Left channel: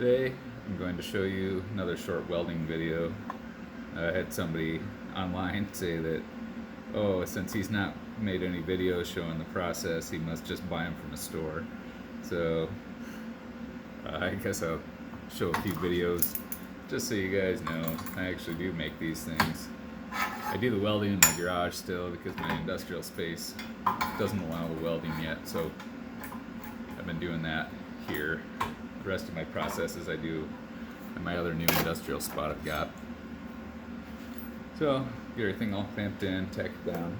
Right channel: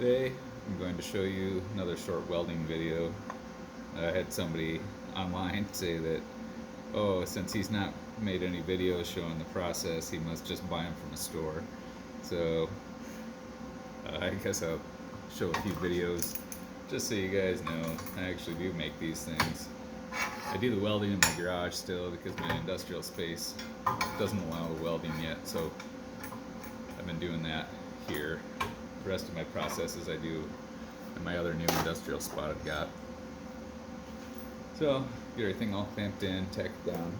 Today I'm going to show you another short welding video. I had somebody online say that, oh, since he's not made any videos showing the process, he must just buy them from a store. So I guess I'll show a few videos just so you guys know I actually do make these things. I do the welding in my garage still because my industrial space doesn't allow the welding yet, so I've been doing that here. The rest of my processes I do in my other new industrial spot I've got. So, get everything all clamped in, tacked down.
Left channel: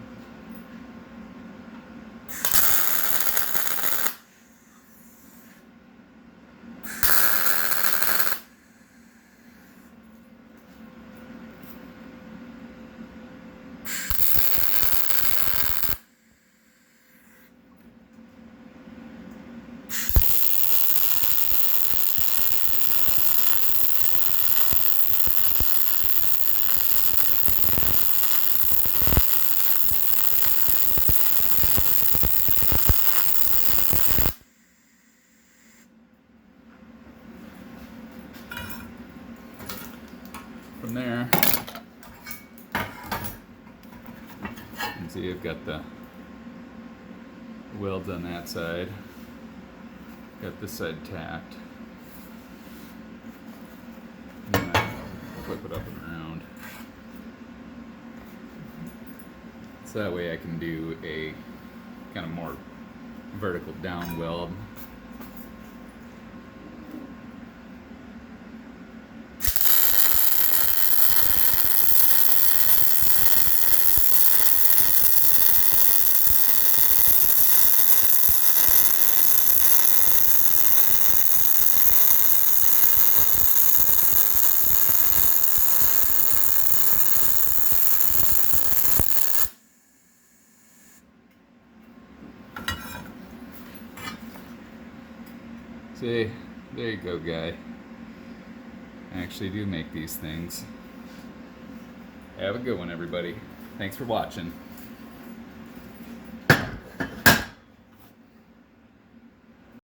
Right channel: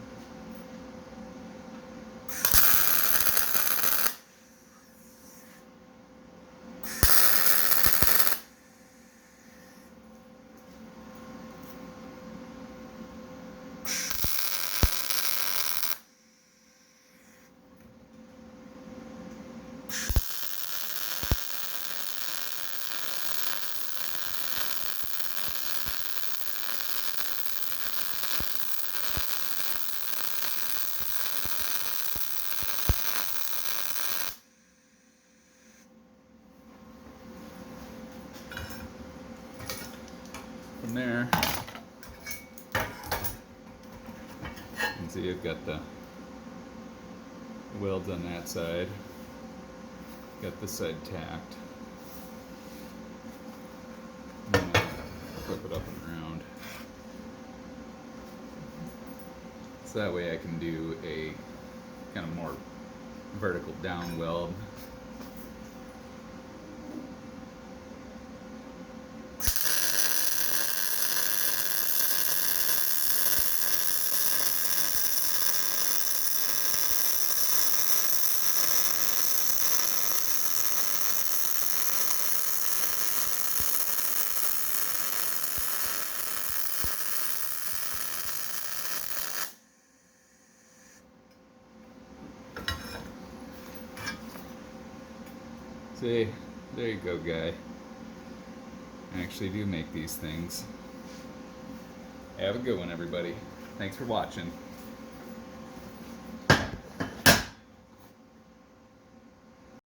From there, you can see I've got the welds on that side, got this side tacked. I'm gonna flip it up and around, so that way I can do a kind of more vertical down weld. See, there you go, guy. I actually do make these things. Have a good one, everybody. Thanks for watching.